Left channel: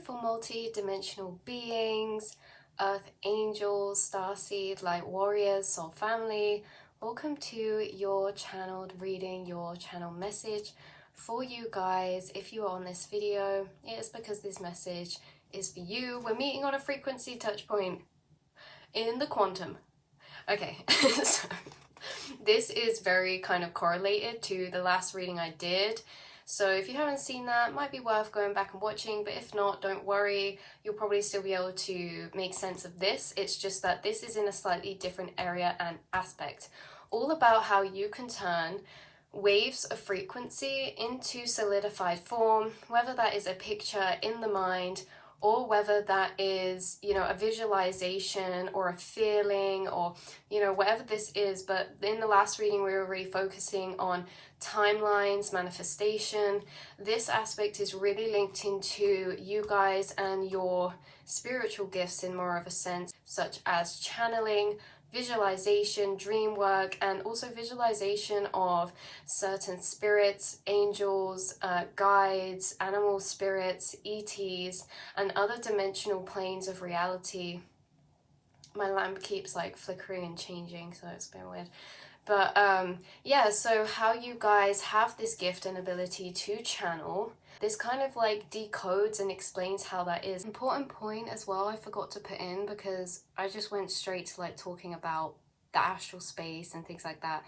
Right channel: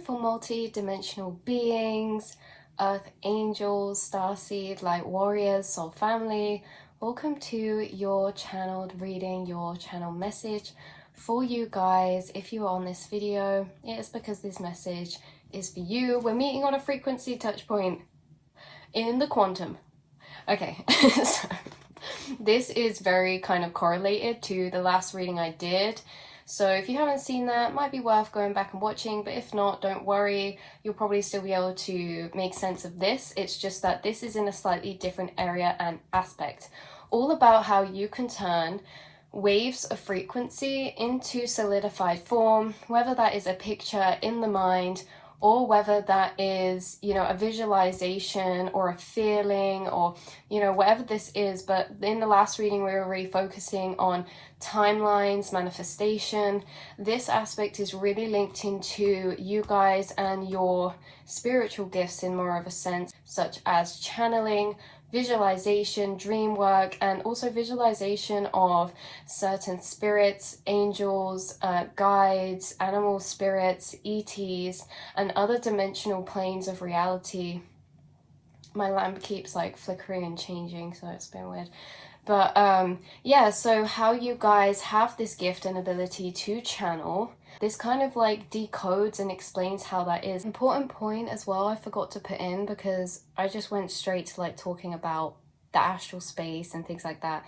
beautiful multi-dimensional beings, earth angels, starseed, light warriors, soul family. Welcome to your channeled reading, your channel message for you guys. If you are on this video, it is because this message is for you. We're meeting on a frequency touch point in the quantum. Okay, so this is very kind of correlated to the last reading I did. So if you haven't seen that, it might be worth going back and watching, but if not, don't worry, you'll probably still be able to make sense of this. It's just that this is in a slightly different area and aspect, all about how you can turn waves of frequency into solidified form, whether that is a picture in the mind or whether that is, a visualization or a feeling or, whatever this is. But in the last reading, we were really focusing on timelines, manifestation. This aspect is really linked into you guys and your spiritual gifts in more of a sense, such as channeling, visualization, dream work, and also visualization of certain spirits, angels, guides, animal spirits, ETs, and other dimensional planes of reality. My lamp keeps like flickering and changing, so it's been weird. But yeah, so how you guys have this gift and ability to channel, this kind of like decodes and explains how that is. Important point as well I forgot to put in, because I just went straight to like talking about the astral space and things like that.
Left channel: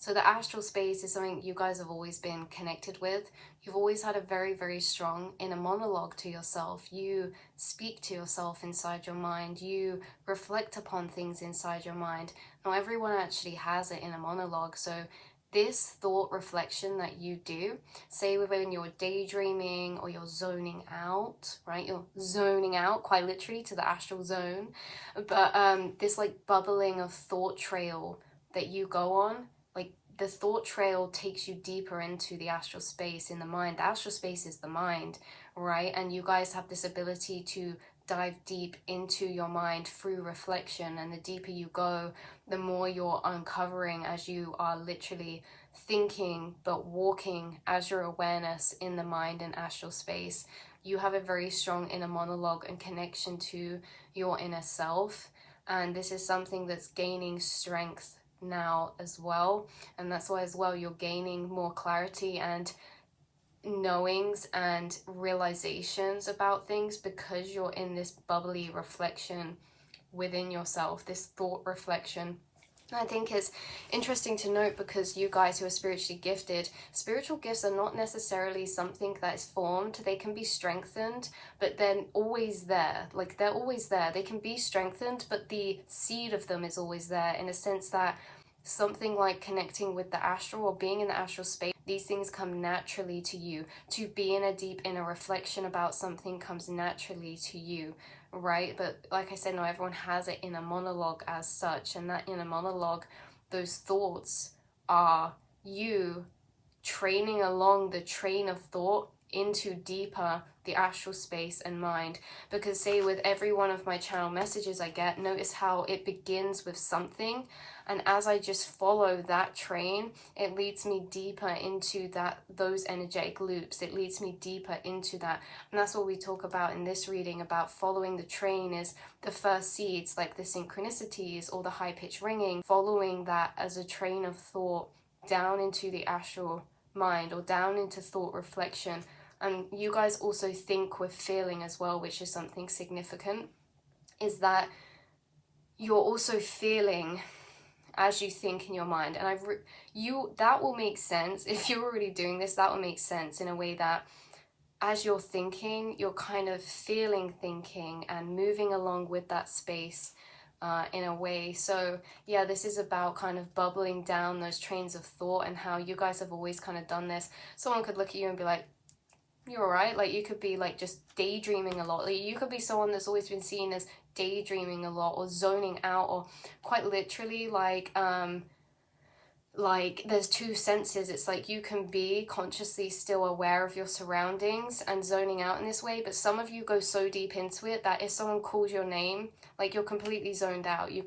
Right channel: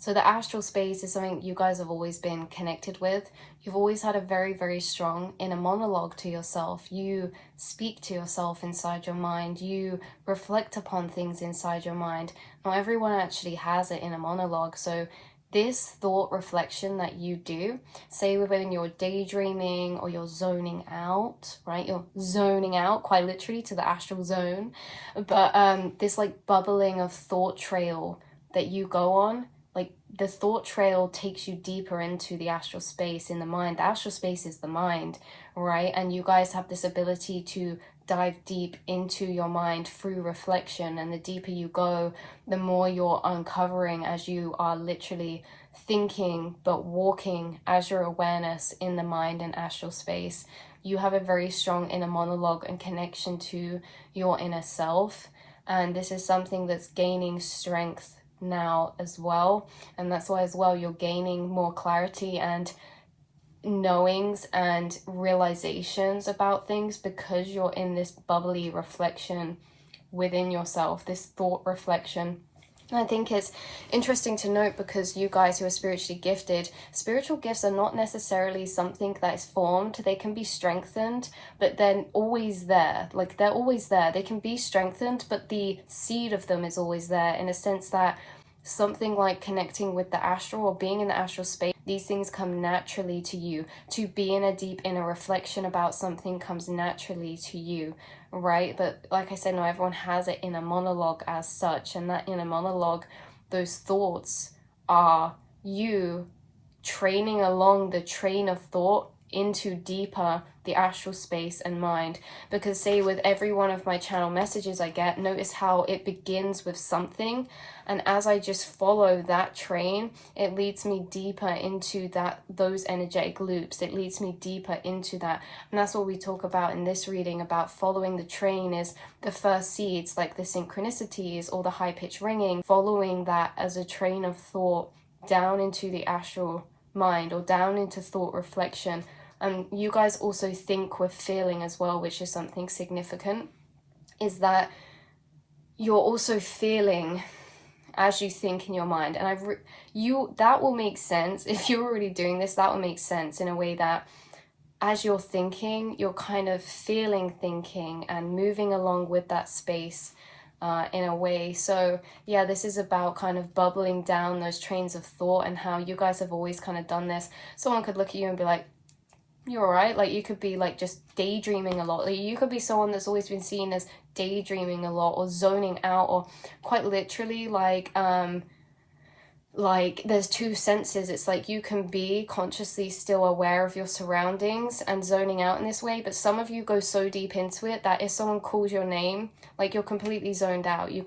So the astral space is something you guys have always been connected with. You've always had a very, very strong inner monologue to yourself. You speak to yourself inside your mind. You reflect upon things inside your mind. Not everyone actually has an inner monologue. So this thought reflection that you do, say when you're daydreaming or you're zoning out, right? You're zoning out quite literally to the astral zone. But this like bubbling of thought trail that you go on, like the thought trail takes you deeper into the astral space in the mind. The astral space is the mind, right? And you guys have this ability to dive deep into your mind through reflection, and the deeper you go, the more you're uncovering as you are literally thinking but walking as your awareness in the mind and astral space. You have a very strong inner monologue and connection to your inner self, and this is something that's gaining strength now as well, and that's why as well you're gaining more clarity and knowings and realizations about things, because you're in this bubbly reflection within yourself, this thought reflection. And I think it's interesting to note, because you guys who are spiritually gifted, spiritual gifts are not necessarily something that is formed. They can be strengthened, but they're always there. Like, they're always there. They can be strengthened, but the seed of them is always there, in a sense that something like connecting with the astral or being in the astral space, these things come naturally to you. To be in a deep inner reflection about something comes naturally to you, right? But like I said, not everyone has an inner monologue as such, and that inner monologue, those thoughts are you training along the train of thought into deeper the astral space and mind. Because say with every one of my channel messages I get, notice how it begins with something, and as I just follow that train, it leads me deeper into those energetic loops. It leads me deeper into that. And that's what we talk about in this reading, about following the train, is the first seeds, like the synchronicities or the high-pitched ringing, following that as a train of thought down into the astral mind or down into thought reflection. And you guys also think with feeling as well, which is something significant, is that you're also feeling as you think in your mind. And that will make sense if you're already doing this. That will make sense in a way that as you're thinking, you're kind of feeling thinking and moving along with that space in a way. So yeah, this is about kind of bubbling down those trains of thought, and how you guys have always kind of done this. Someone could look at you and be like, you're all right. Like, you could be like just daydreaming a lot. Like, you could be someone that's always been seen as daydreaming a lot, or zoning out, or quite literally like there's two senses. It's like you can be consciously still aware of your surroundings and zoning out in this way, but some of you go so deep into it that if someone calls your name, like, you're completely zoned out. You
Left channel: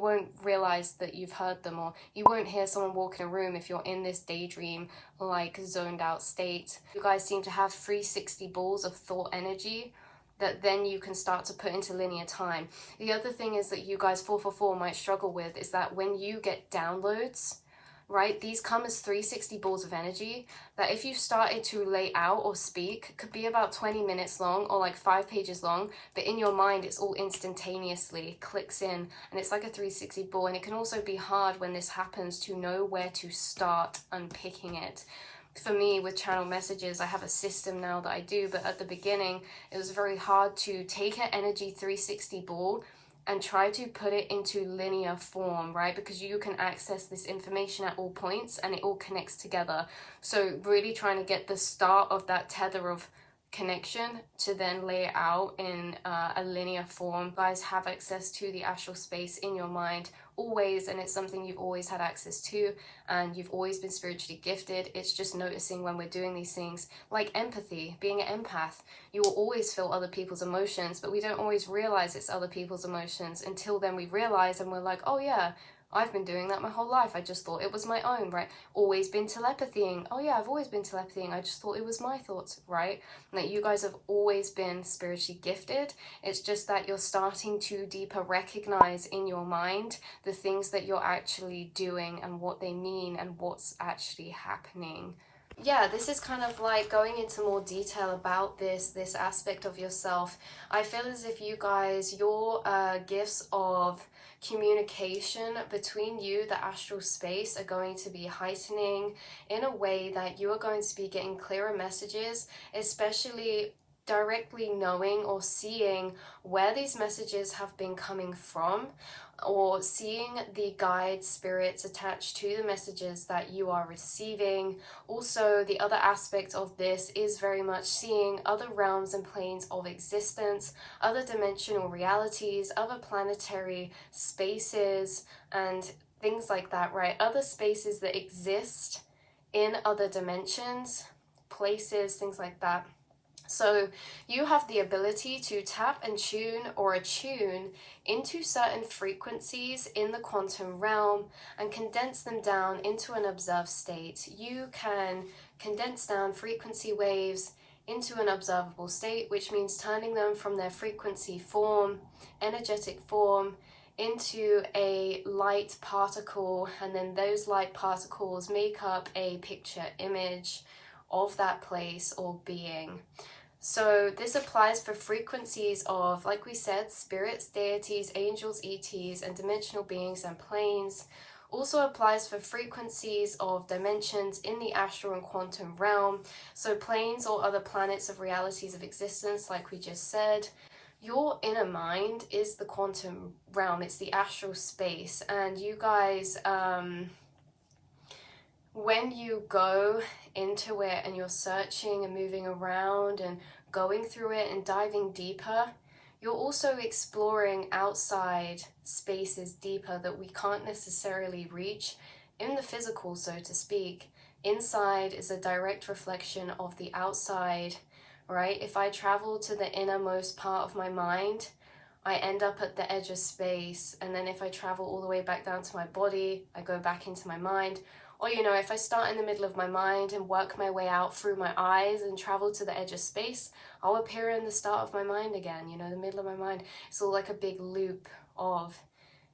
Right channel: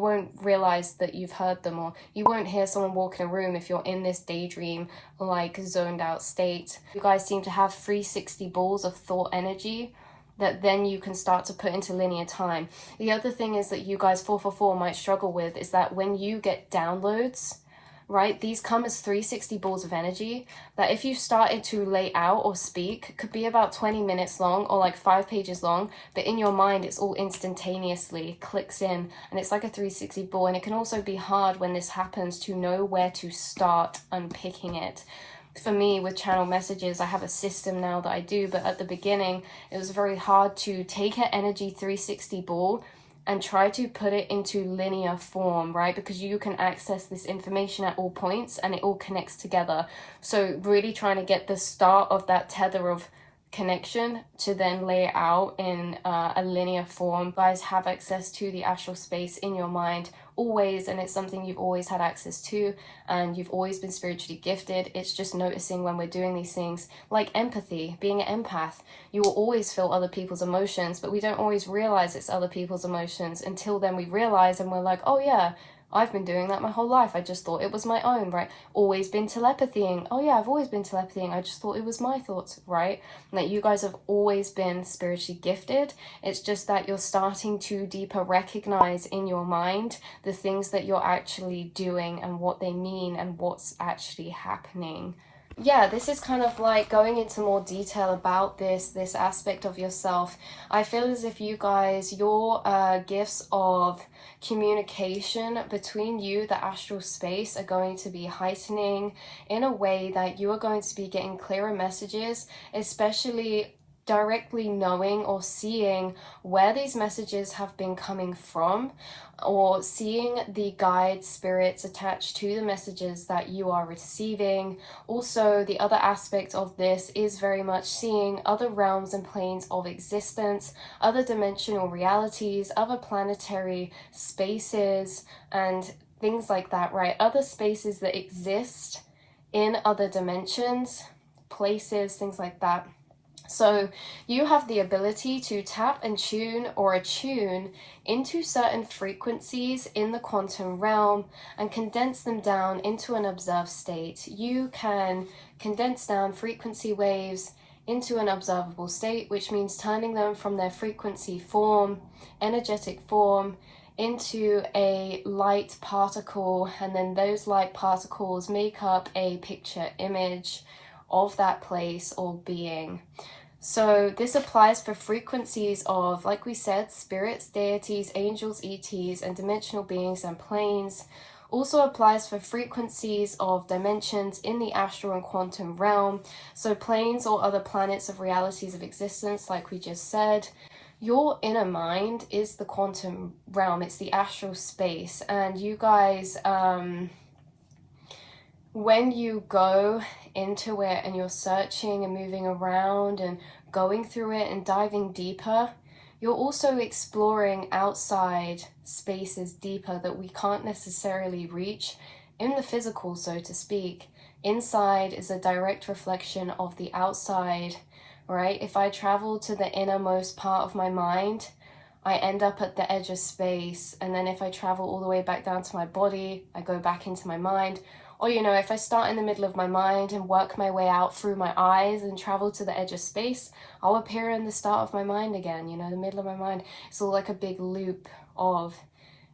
won't realize that you've heard them, or you won't hear someone walk in a room if you're in this daydream, like zoned out state. You guys seem to have 360 balls of thought energy that then you can start to put into linear time. The other thing is that you guys 444 might struggle with is that when you get downloads, right, these come as 360 balls of energy that if you started to lay out or speak, could be about 20 minutes long or like 5 pages long, but in your mind it's all instantaneously clicks in, and it's like a 360 ball. And it can also be hard when this happens to know where to start unpicking it. For me, with channel messages, I have a system now that I do, but at the beginning it was very hard to take an energy 360 ball and try to put it into linear form, right? Because you can access this information at all points and it all connects together. So really trying to get the start of that tether of connection to then lay it out in a linear form. You guys have access to the astral space in your mind always, and it's something you've always had access to, and you've always been spiritually gifted. It's just noticing when we're doing these things, like empathy, being an empath. You will always feel other people's emotions, but we don't always realize it's other people's emotions until then we realize, and we're like, oh yeah, I've been doing that my whole life. I just thought it was my own, right? Always been telepathying. Oh yeah, I've always been telepathying. I just thought it was my thoughts, right? Like, you guys have always been spiritually gifted. It's just that you're starting to deeper recognize in your mind the things that you're actually doing and what they mean and what's actually happening. Yeah, this is kind of like going into more detail about this aspect of yourself. I feel as if you guys, your gifts of communication between you, the astral space, are going to be heightening in a way that you are going to be getting clearer messages, especially directly knowing or seeing where these messages have been coming from, or seeing the guide spirits attached to the messages that you are receiving. Also, the other aspect of this is very much seeing other realms and planes of existence, other dimensional realities, other planetary spaces and things like that, right? Other spaces that exist in other dimensions, places, things like that. So you have the ability to tap and tune or attune into certain frequencies in the quantum realm and condense them down into an observed state. You can condense down frequency waves into an observable state, which means turning them from their frequency form, energetic form, into a light particle, and then those light particles make up a picture image of that place or being. So this applies for frequencies of, like we said, spirits, deities, angels, ETs, and dimensional beings and planes. Also applies for frequencies of dimensions in the astral and quantum realm. So planes or other planets of realities of existence, like we just said. Your inner mind is the quantum realm. It's the astral space. And you guys, when you go into it and you're searching and moving around and going through it and diving deeper, you're also exploring outside spaces deeper that we can't necessarily reach in the physical, so to speak. Inside is a direct reflection of the outside, right? If I travel to the innermost part of my mind, I end up at the edge of space. And then if I travel all the way back down to my body, I go back into my mind. Or, you know, if I start in the middle of my mind and work my way out through my eyes and travel to the edge of space, I'll appear in the start of my mind again, you know, the middle of my mind. It's all like a big loop of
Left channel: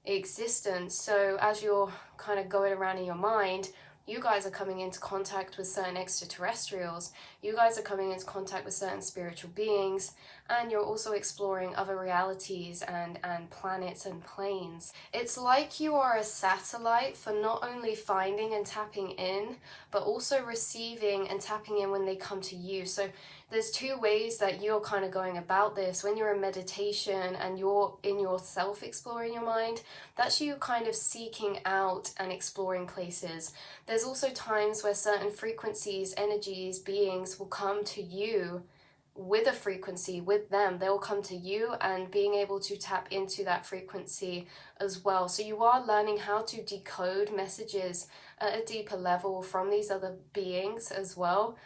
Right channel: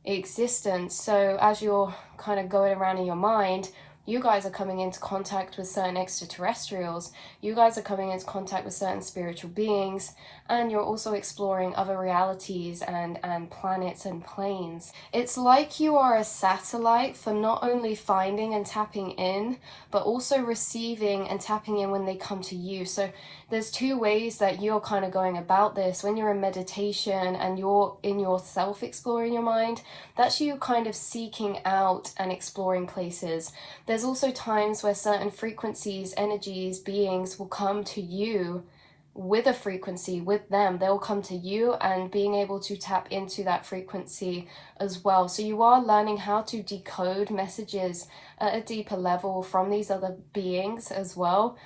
existence. So as you're kind of going around in your mind, you guys are coming into contact with certain extraterrestrials. You guys are coming into contact with certain spiritual beings, and you're also exploring other realities and planets and planes. It's like you are a satellite for not only finding and tapping in, but also receiving and tapping in when they come to you. So there's two ways that you're kind of going about this. When you're in meditation and you're in yourself exploring your mind, that's you kind of seeking out and exploring places. There's also times where certain frequencies, energies, beings will come to you with a frequency with them. They will come to you and being able to tap into that frequency as well. So you are learning how to decode messages at a deeper level from these other beings as well.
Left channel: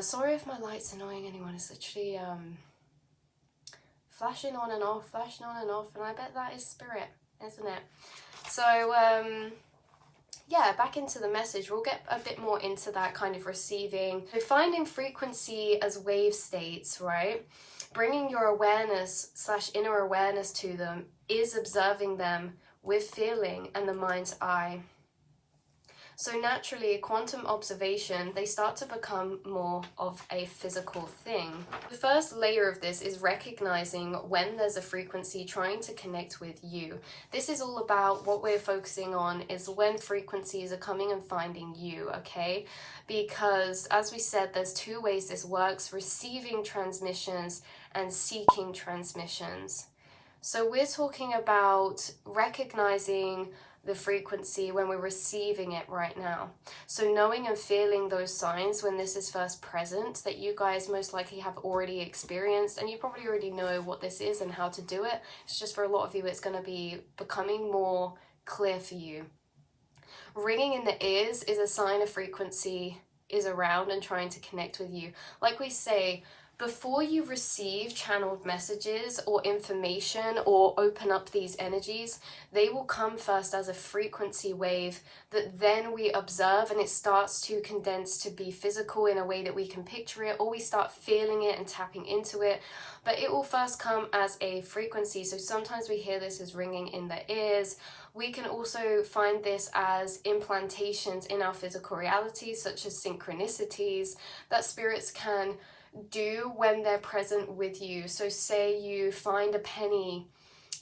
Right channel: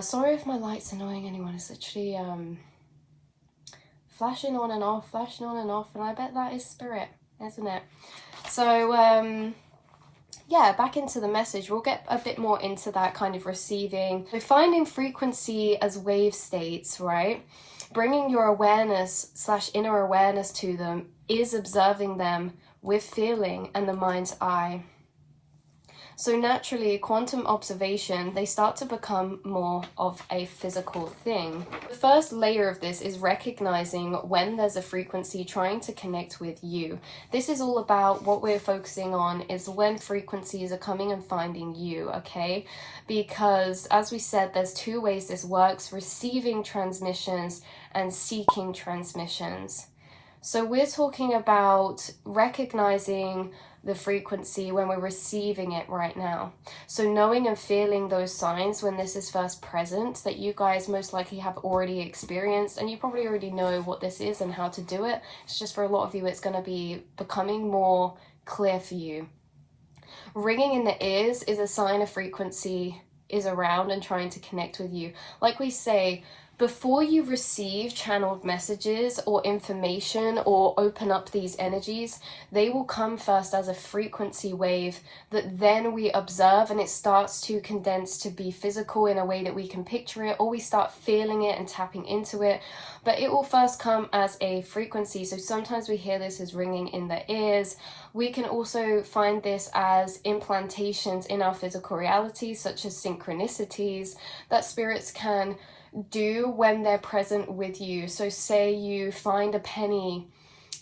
Sorry if my light's annoying anyone. It's literally flashing on and off, and I bet that is spirit, isn't it? So yeah, back into the message. We'll get a bit more into that kind of receiving. So finding frequency as wave states, right? bringing your awareness / inner awareness to them is observing them with feeling and the mind's eye. So naturally, quantum observation, they start to become more of a physical thing. The first layer of this is recognizing when there's a frequency trying to connect with you. This is all about what we're focusing on is when frequencies are coming and finding you, okay? Because as we said, there's two ways this works: receiving transmissions and seeking transmissions. So we're talking about recognizing the frequency when we're receiving it right now. So knowing and feeling those signs when this is first present, that you guys most likely have already experienced, and you probably already know what this is and how to do it. It's just for a lot of you, it's going to be becoming more clear for you. Ringing in the ears is a sign a frequency is around and trying to connect with you. Like we say, before you receive channeled messages or information or open up these energies, they will come first as a frequency wave that then we observe, and it starts to condense to be physical in a way that we can picture it, or we start feeling it and tapping into it. But it will first come as a frequency. So sometimes we hear this as ringing in the ears. We can also find this as implantations in our physical reality, such as synchronicities that spirits can do when they're present with you. So say you find a penny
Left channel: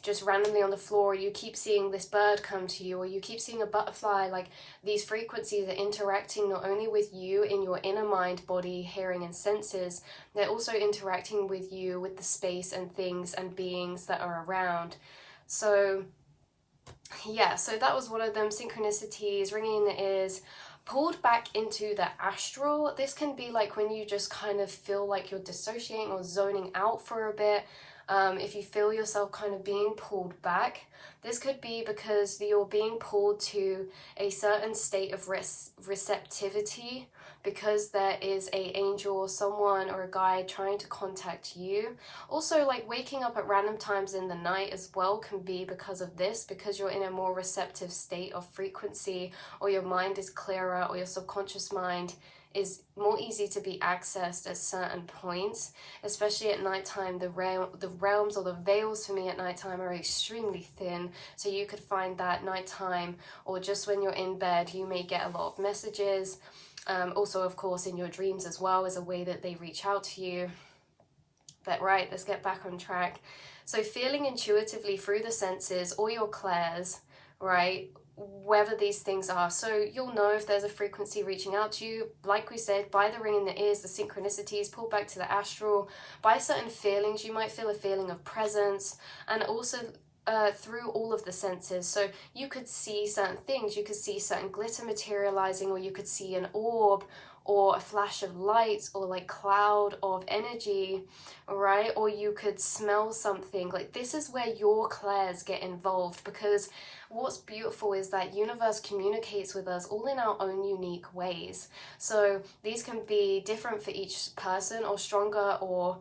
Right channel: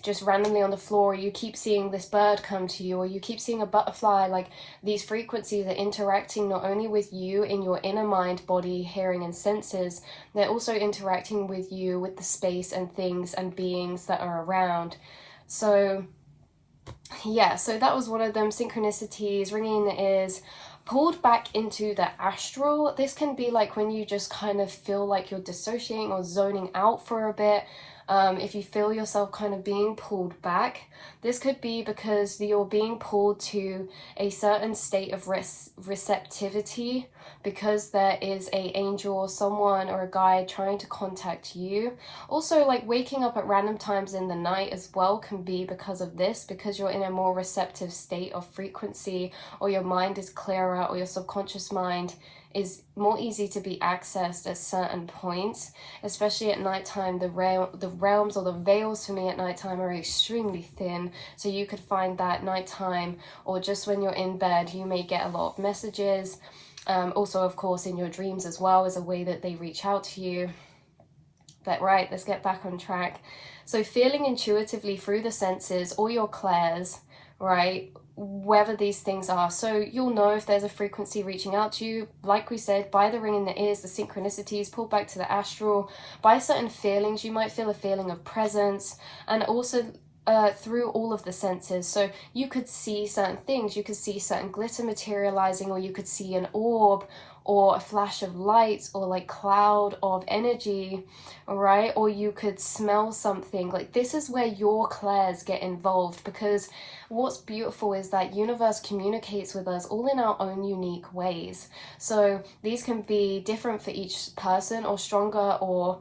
just randomly on the floor, or you keep seeing this bird come to you, or you keep seeing a butterfly. Like, these frequencies are interacting not only with you in your inner mind, body, hearing and senses, they're also interacting with you with the space and things and beings that are around. So yeah, so that was one of them. Synchronicities, ringing in the ears, pulled back into the astral. This can be like when you just kind of feel like you're dissociating or zoning out for a bit. If you feel yourself kind of being pulled back, this could be because you're being pulled to a certain state of receptivity, because there is a angel or someone or a guide trying to contact you. Also, like waking up at random times in the night as well can be because of this, because you're in a more receptive state of frequency, or your mind is clearer, or your subconscious mind is more easy to be accessed at certain points, especially at nighttime. The realms or the veils for me at nighttime are extremely thin, so you could find that nighttime or just when you're in bed you may get a lot of messages. Also, of course, in your dreams as well is a way that they reach out to you. But right, let's get back on track. So feeling intuitively through the senses or your clairs, right, whether these things are. So you'll know if there's a frequency reaching out to you, like we said, by the ring in the ears, the synchronicities, pull back to the astral, by certain feelings. You might feel a feeling of presence, and also through all of the senses. So you could see certain things, you could see certain glitter materializing, or you could see an orb or a flash of light or like cloud of energy, right? Or you could smell something. Like, this is where your clairs get involved, because what's beautiful is that universe communicates with us all in our own unique ways. So these can be different for each person, or stronger or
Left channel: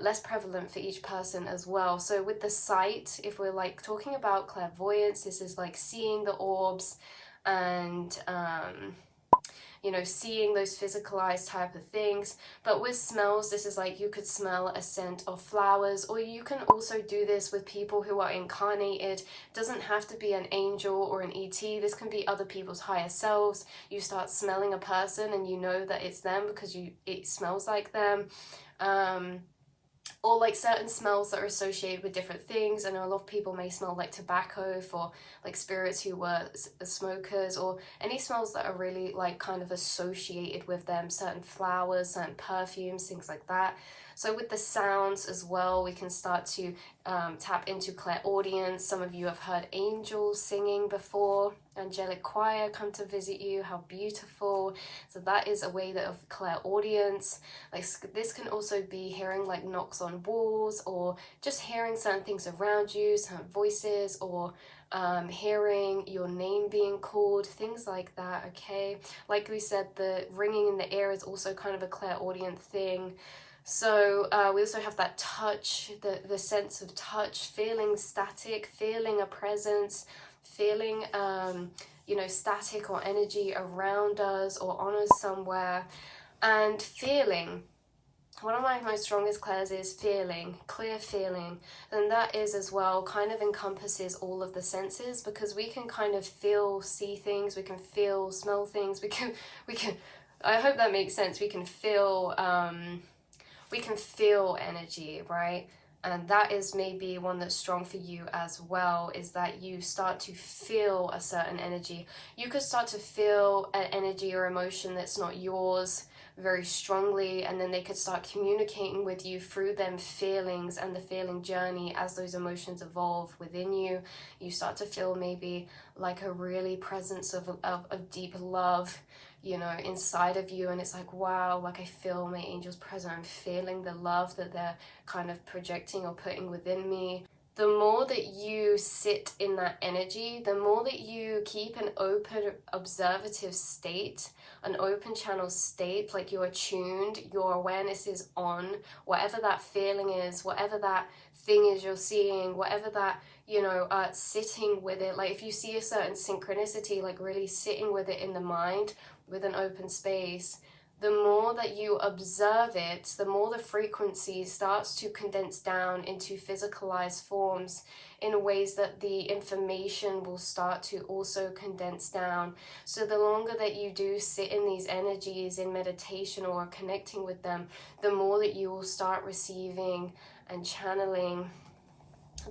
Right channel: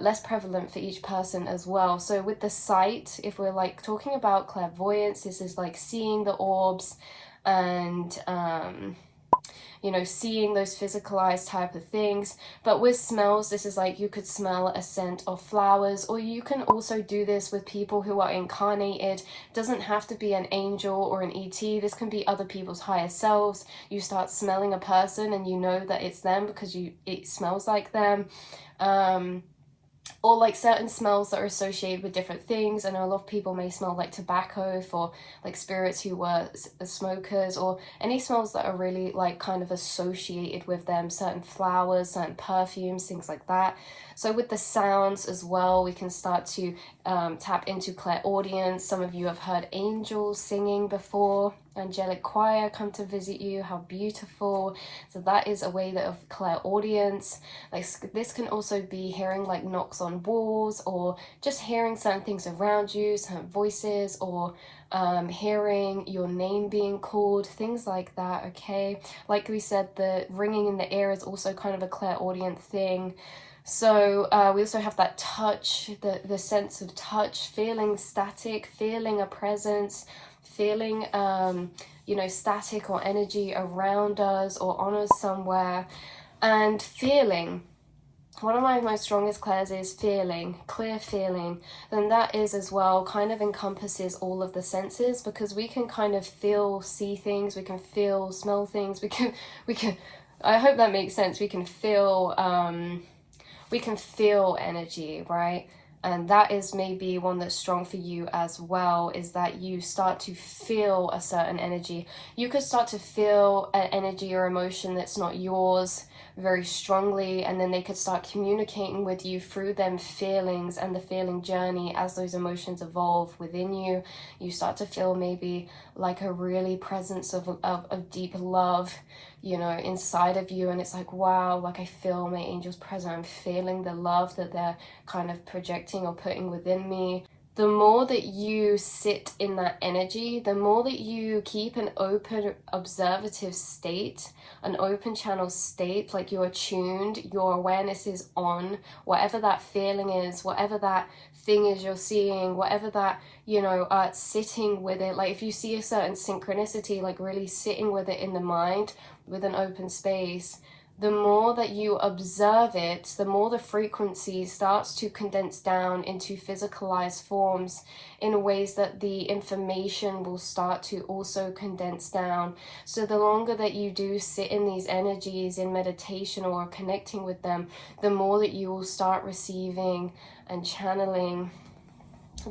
less prevalent for each person as well. So with the sight, if we're like talking about clairvoyance, this is like seeing the orbs and you know, seeing those physicalized type of things. But with smells, this is like you could smell a scent of flowers, or you can also do this with people who are incarnated. It doesn't have to be an angel or an ET. This can be other people's higher selves. You start smelling a person and you know that it's them because it smells like them. Or like certain smells that are associated with different things. I know a lot of people may smell like tobacco for like spirits who were smokers, or any smells that are really like kind of associated with them, certain flowers, certain perfumes, things like that. So with the sounds as well, we can start to tap into clairaudience. Some of you have heard angels singing before, angelic choir come to visit you. How beautiful. So that is a way that of clairaudience. Like, this can also be hearing like knocks on walls, or just hearing certain things around you, certain voices, or hearing your name being called, things like that. Okay, like we said, the ringing in the ear is also kind of a clairaudient thing. So we also have that touch, the sense of touch, feeling static, feeling a presence, feeling you know, static or energy around us or on us somewhere, and feeling. one of my most strongest clairs is feeling, clear feeling. Then that is as well kind of encompasses all of the senses, because we can kind of feel, see things, we can feel, smell things, we can, I hope that makes sense. We can feel energy, right? And that is maybe one that's strong for you as well, is that you start to feel a certain energy. You could start to feel an energy or emotion that's not yours very strongly, and then they could start communicating with you through them feelings and the feeling journey. As those emotions evolve within you, you start to feel maybe like a really presence of deep love, you know, inside of you, and it's like, wow, like I feel my angels present. I'm feeling the love that they're kind of projecting or putting within me. The more that you sit in that energy, the more that you keep an open observative state, an open channel state, like you're attuned, your awareness is on, whatever that feeling is, whatever that thing is you're seeing, whatever that, you know, sitting with it. Like if you see a certain synchronicity, like really sitting with it in the mind with an open space, the more that you observe it, the more the frequency starts to condense down into physicalized forms in ways that the information will start to also condense down. So the longer that you do sit in these energies in meditation or connecting with them, the more that you will start receiving and channeling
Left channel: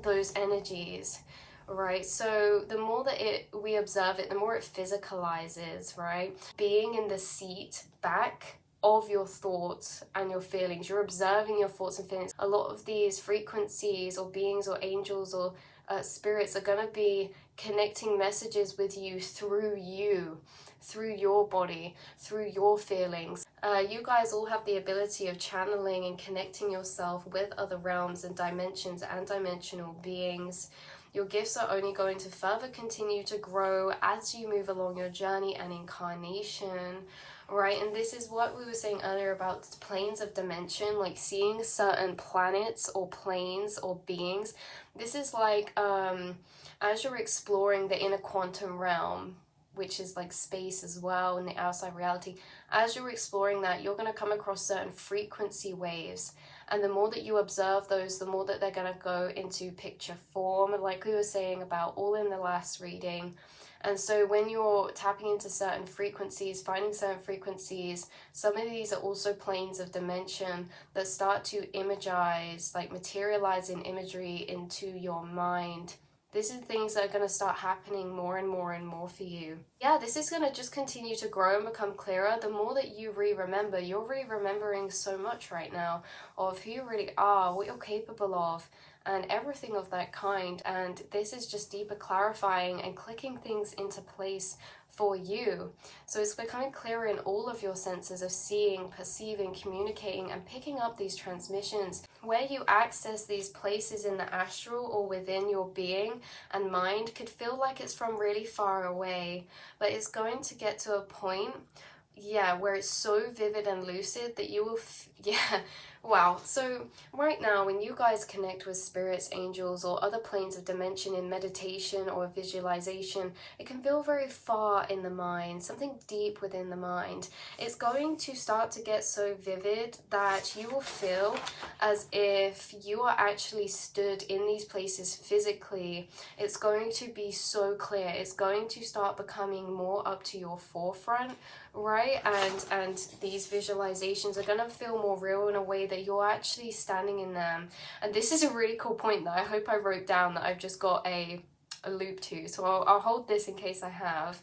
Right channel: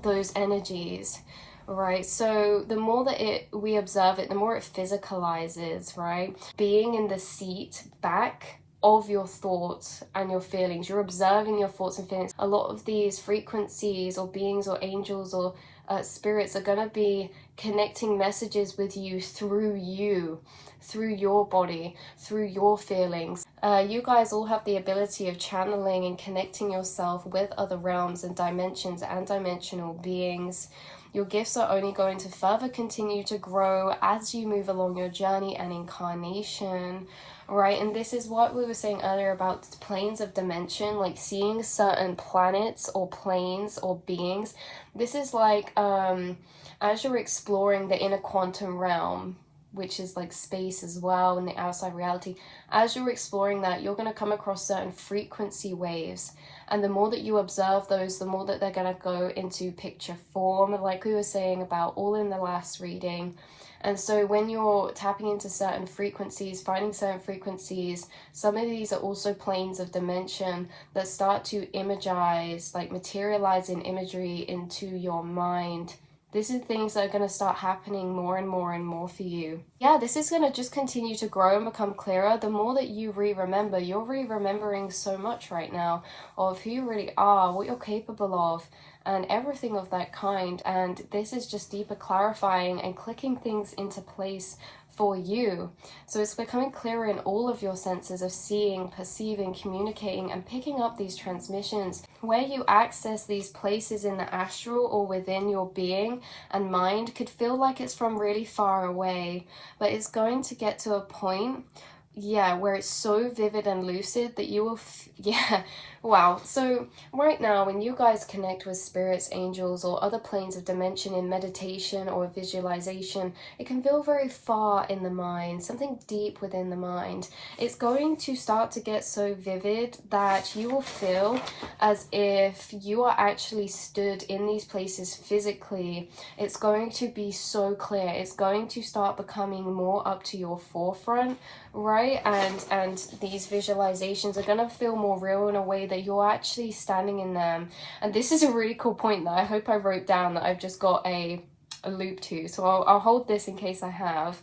those energies. Right, so the more that we observe it, the more it physicalizes, right? Being in the seat back of your thoughts and your feelings, you're observing your thoughts and feelings. A lot of these frequencies or beings or angels or spirits are going to be connecting messages with you, through your body, through your feelings. You guys all have the ability of channeling and connecting yourself with other realms and dimensions and dimensional beings. Your gifts are only going to further continue to grow as you move along your journey and incarnation, right? And this is what we were saying earlier about planes of dimension, like seeing certain planets or planes or beings. This is like as you're exploring the inner quantum realm, which is like space as well, and the outside reality, as you're exploring that, you're going to come across certain frequency waves. And the more that you observe those, the more that they're going to go into picture form, like we were saying about all in the last reading. And so when you're tapping into certain frequencies, finding certain frequencies, some of these are also planes of dimension that start to imagize, like materialize in imagery into your mind. This is things that are going to start happening more and more and more for you. Yeah, this is going to just continue to grow and become clearer. The more that you remember, you're remembering so much right now of who you really are, what you're capable of, and everything of that kind. And this is just deeper clarifying and clicking things into place for you. So it's becoming clearer in all of your senses of seeing, perceiving, communicating, and picking up these transmissions. Where you access these places in the astral or within your being and mind could feel like it's from really far away, but it's going to get to a point, yeah, where it's so vivid and lucid that you will, wow. So right now, when you guys connect with spirits, angels, or other planes of dimension in meditation or visualization, it can feel very far in the mind, something deep within the mind. It's going to start to get so vivid that you will feel as if you are actually stood in these places physically. It's going to be so clear. It's going to start becoming more up to your forefront, right? And these visualizations are going to feel more real in a way that you're actually standing in them. And this is a really cool point that I hope I wrote down, that I've just got a loop to. So I'll hold this in case I have.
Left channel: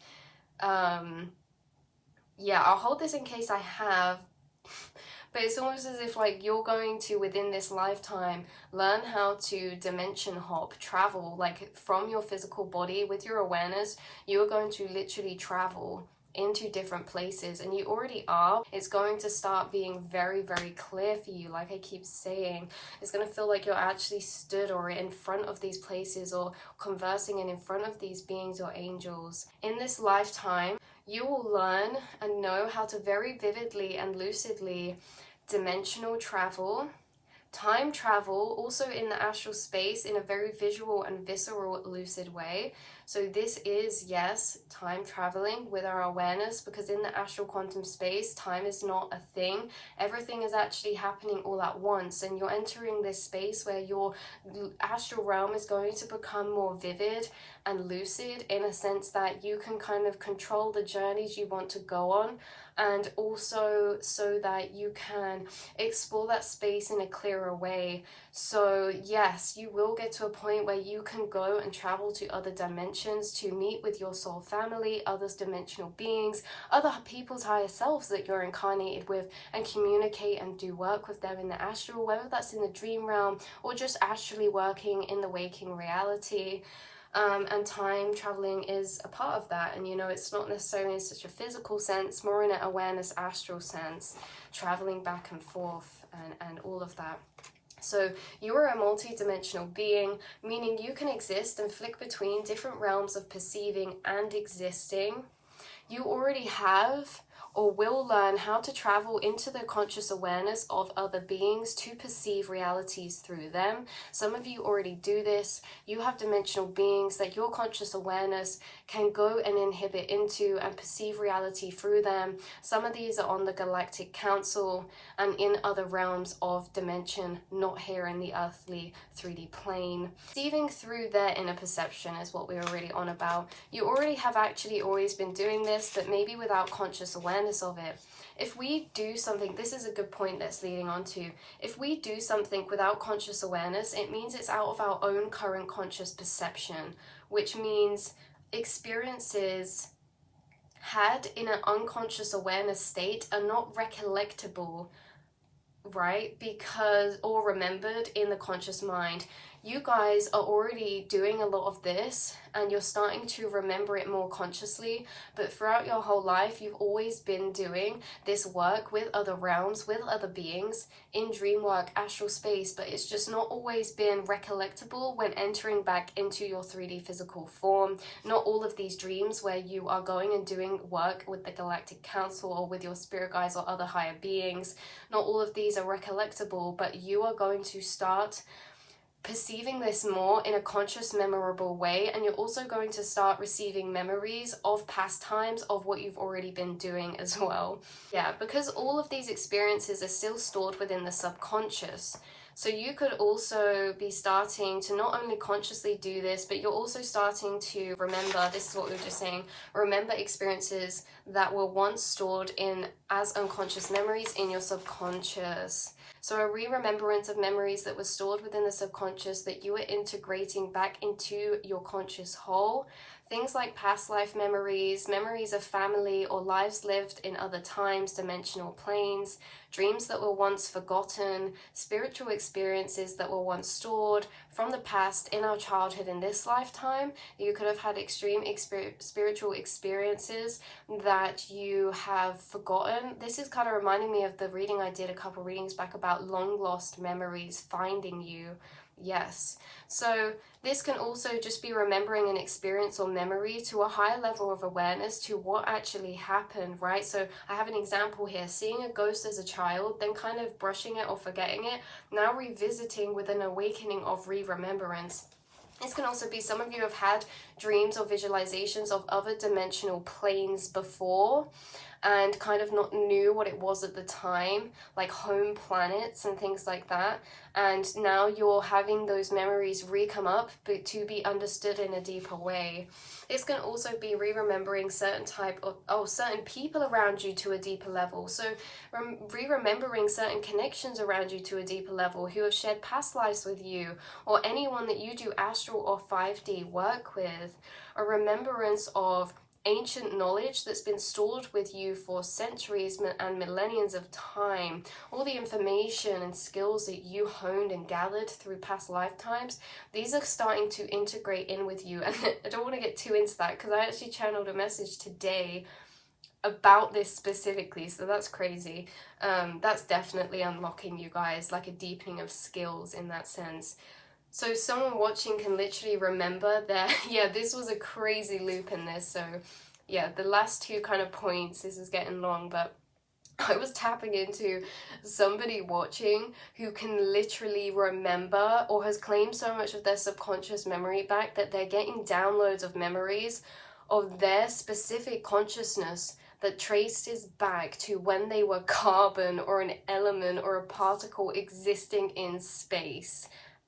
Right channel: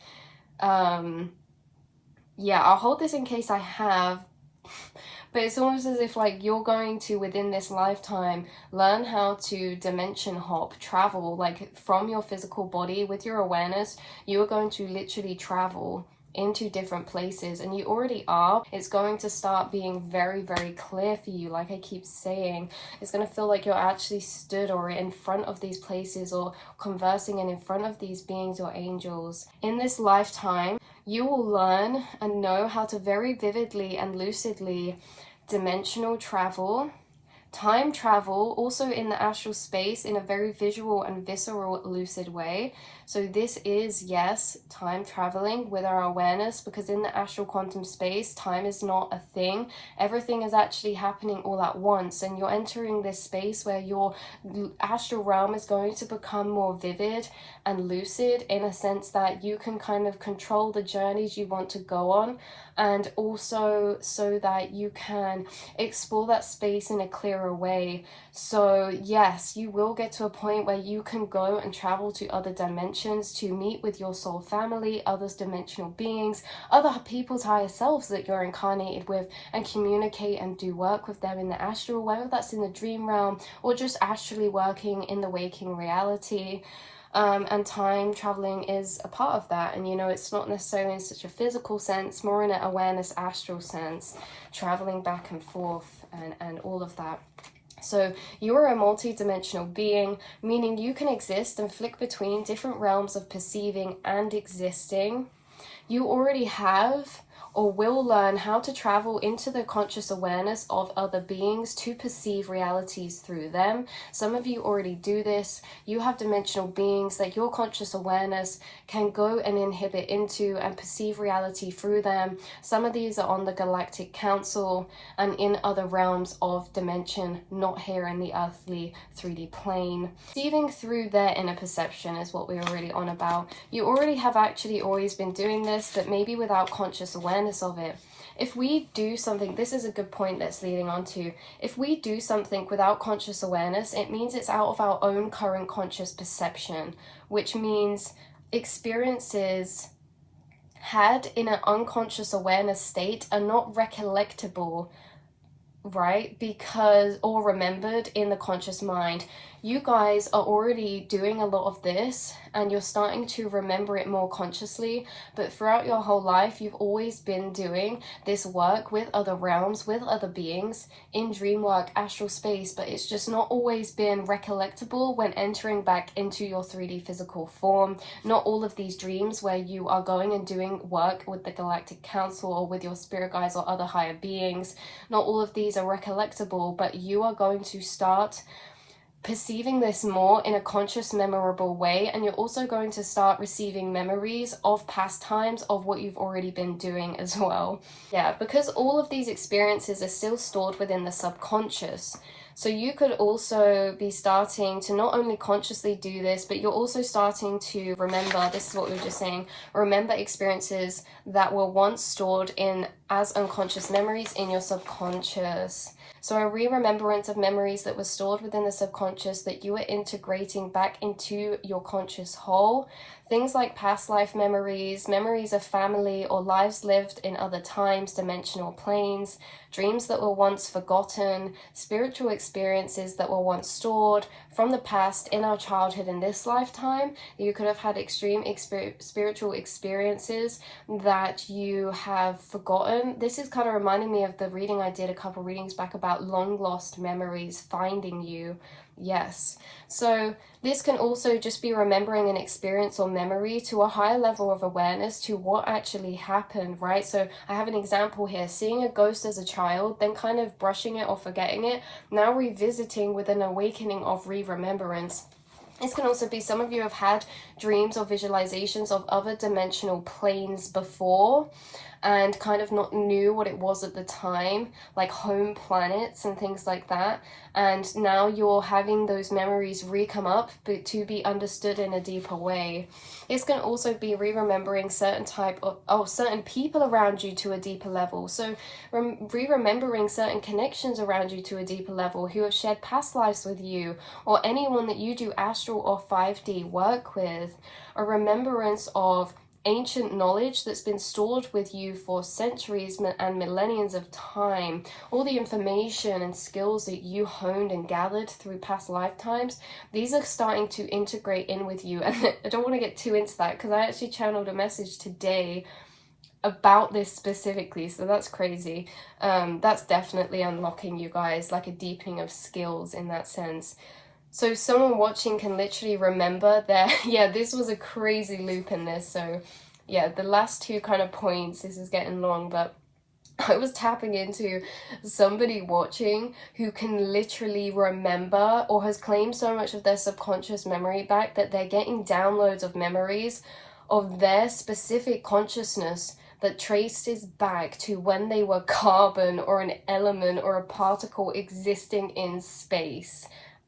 Yeah, I'll hold this in case I have. But it's almost as if like you're going to, within this lifetime, learn how to dimension hop, travel, like from your physical body with your awareness. You are going to literally travel into different places, and you already are. It's going to start being very, very clear for you. Like I keep saying, it's going to feel like you're actually stood or in front of these places, or conversing and in front of these beings or angels. In this lifetime, you will learn and know how to very vividly and lucidly dimensional travel time travel also in the astral space in a very visual and visceral lucid way. So this is, yes, time traveling with our awareness, because in the astral quantum space, time is not a thing. Everything is actually happening all at once, and you're entering this space where your astral realm is going to become more vivid and lucid, in a sense that you can kind of control the journeys you want to go on, and also so that you can explore that space in a clearer way. So yes, you will get to a point where you can go and travel to other dimensions to meet with your soul family, others dimensional beings, other people's higher selves that you're incarnated with, and communicate and do work with them in the astral, whether that's in the dream realm or just astrally working in the waking reality. And time traveling is a part of that. And you know, it's not necessarily in such a physical sense, more in an awareness astral sense, traveling back and forth and all of that. So you are a multi-dimensional being, meaning you can exist and flick between different realms of perceiving and existing. You already have or will learn how to travel into the conscious awareness of other beings to perceive realities through them. Some of you already do this. You have dimensional beings that your conscious awareness can go and inhibit into and perceive reality through them. Some of these are on the Galactic Council and in other realms of dimension, not here in the earthly 3D plane. Perceiving through their inner perception is what we are really on about. You already have actually always been doing this, but maybe without conscious awareness of it. If we do something, this is a good point that's leading on to, if we do something without conscious awareness, it means it's out of our own current conscious perception, which means experiences had in an unconscious awareness state are not recollectable, right? Because, or remembered in the conscious mind. You guys are already doing a lot of this and you're starting to remember it more consciously, but throughout your whole life you've always been doing this work with other realms, with other beings in dream work, astral space, but it's just not always been recollectable when entering back into your 3D physical form. Not all of these dreams where you are going and doing work with the Galactic Council or with your spirit guides or other higher beings, not all of these are recollectable, but you are going to start perceiving this more in a conscious, memorable way, and you're also going to start receiving memories of past times of what you've already been doing as well. Yeah, because all of these experiences are still stored within the subconscious. So you could also be starting to not only consciously do this, but you're also starting to remember, this is what we were just saying, remember experiences that were once stored in as unconscious memories in your subconscious. So a re-remembrance of memories that were stored within the subconscious that you are integrating back into your conscious whole. Things like past life memories, memories of family or lives lived in other times, dimensional planes, dreams that were once forgotten, spiritual experiences that were once stored from the past in our childhood in this lifetime. You could have had extreme spiritual experiences that you have forgotten. This is kind of reminding me of the reading I did a couple readings back about long lost memories finding you. Yes. So this can also just be remembering an experience or memory to a higher level of awareness to what actually happened, right? So I have an example here, seeing a ghost as a child, then kind of brushing it or forgetting it, now revisiting with an awakening of re-remembrance. This can also be some of you have had dreams or visualizations of other dimensional planes before and kind of not knew what it was at the time, like home planets and things like that. And now you're having those memories re-come up, but to be understood in a deeper way. This can also be re-remembering certain certain people around you to a deeper level. So re-remembering certain connections around you to a deeper level who have shared past lives with you, or anyone that you do astral or 5D work with. A remembrance of ancient knowledge that's been stored with you for centuries and millenniums of time, all the information and skills that you honed and gathered through past lifetimes, these are starting to integrate in with you. And I don't want to get too into that because I actually channeled a message today about this specifically, so that's crazy. That's definitely unlocking, you guys, like a deepening of skills in that sense. So someone watching can literally remember that, yeah, this was a crazy loop in this. So yeah, the last two kind of points, this is getting long, but I was tapping into somebody watching who can literally remember or has claimed so much of their subconscious memory back that they're getting downloads of memories of their specific consciousness that traces back to when they were carbon or an element or a particle existing in space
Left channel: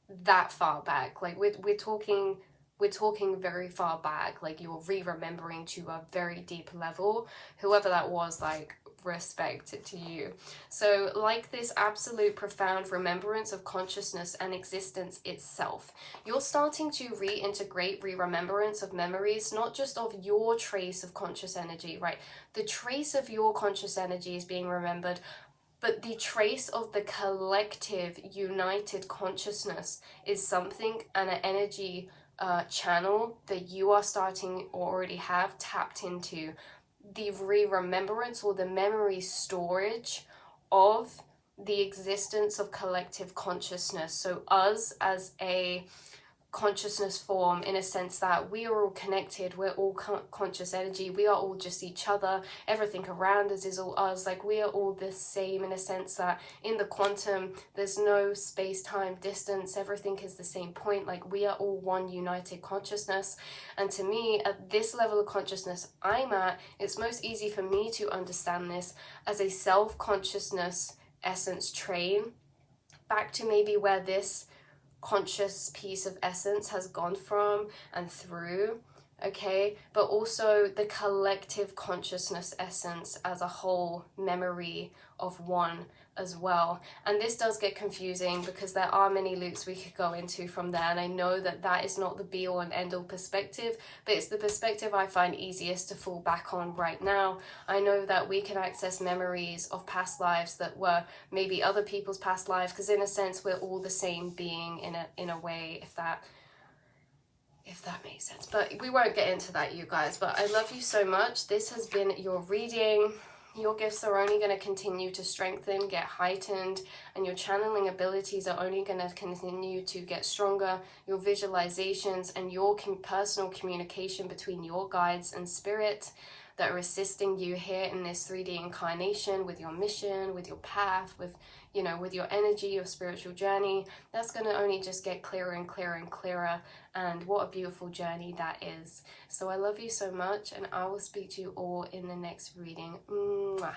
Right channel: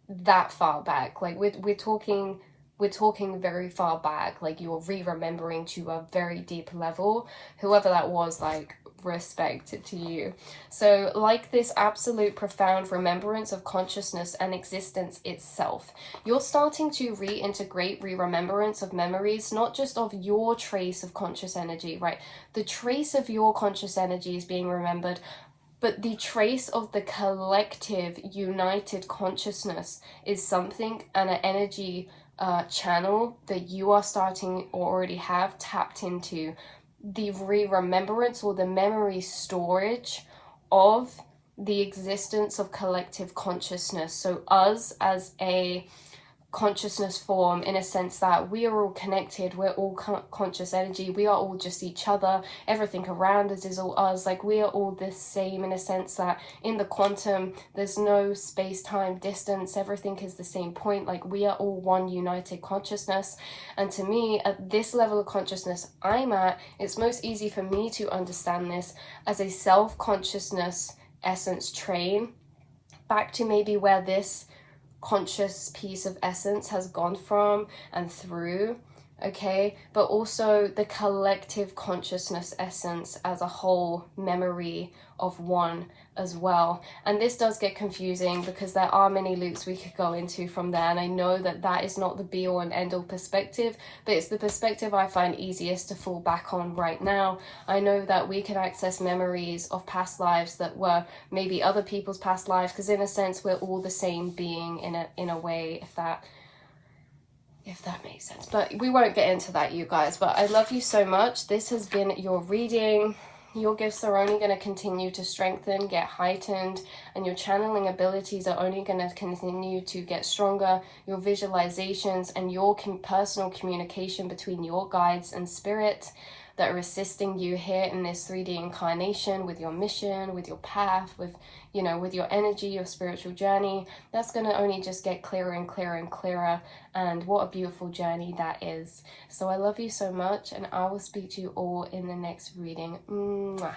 that far back. Like we're talking very far back, like you're re-remembering to a very deep level. Whoever that was, like, respect to you. So like this absolute profound remembrance of consciousness and existence itself, you're starting to reintegrate re-remembrance of memories, not just of your trace of conscious energy, right? The trace of your conscious energy is being remembered, but the trace of the collective united consciousness is something, and an energy channel that you are starting or already have tapped into. The remembrance or the memory storage of the existence of collective consciousness. So us as a consciousness form, in a sense that we are all connected, we're all conscious energy, we are all just each other, everything around us is all us, like we are all the same, in a sense that in the quantum there's no space-time distance, everything is the same point, like we are all one united consciousness. And to me, at this level of consciousness I'm at, it's most easy for me to understand this as a self-consciousness essence train back to maybe where this conscious piece of essence has gone from and through, okay? But also the collective consciousness essence as a whole memory of one as well. And this does get confusing because there are many loops we could go into from there, and I know that that is not the be all and end all perspective, but it's the perspective I find easiest to fall back on right now. I know that we can access memories of past lives that were maybe other people's past lives, because in a sense we're all the same being in a way, if that makes sense. But we won't get into that, you guys. But I love you so much. This has been your reading. Your gifts are only going to continue to strengthen, get heightened, and your channeling abilities are only going to continue to get stronger. Your visualizations and your personal communication between your guides and spirit that are assisting you here in this 3D incarnation with your mission, with your path, with, you know, with your energy, your spiritual journey, that's going to only just get clearer and clearer and clearer. And what a beautiful journey that is. So I love you so much, and I will speak to you all in the next reading. Mwah.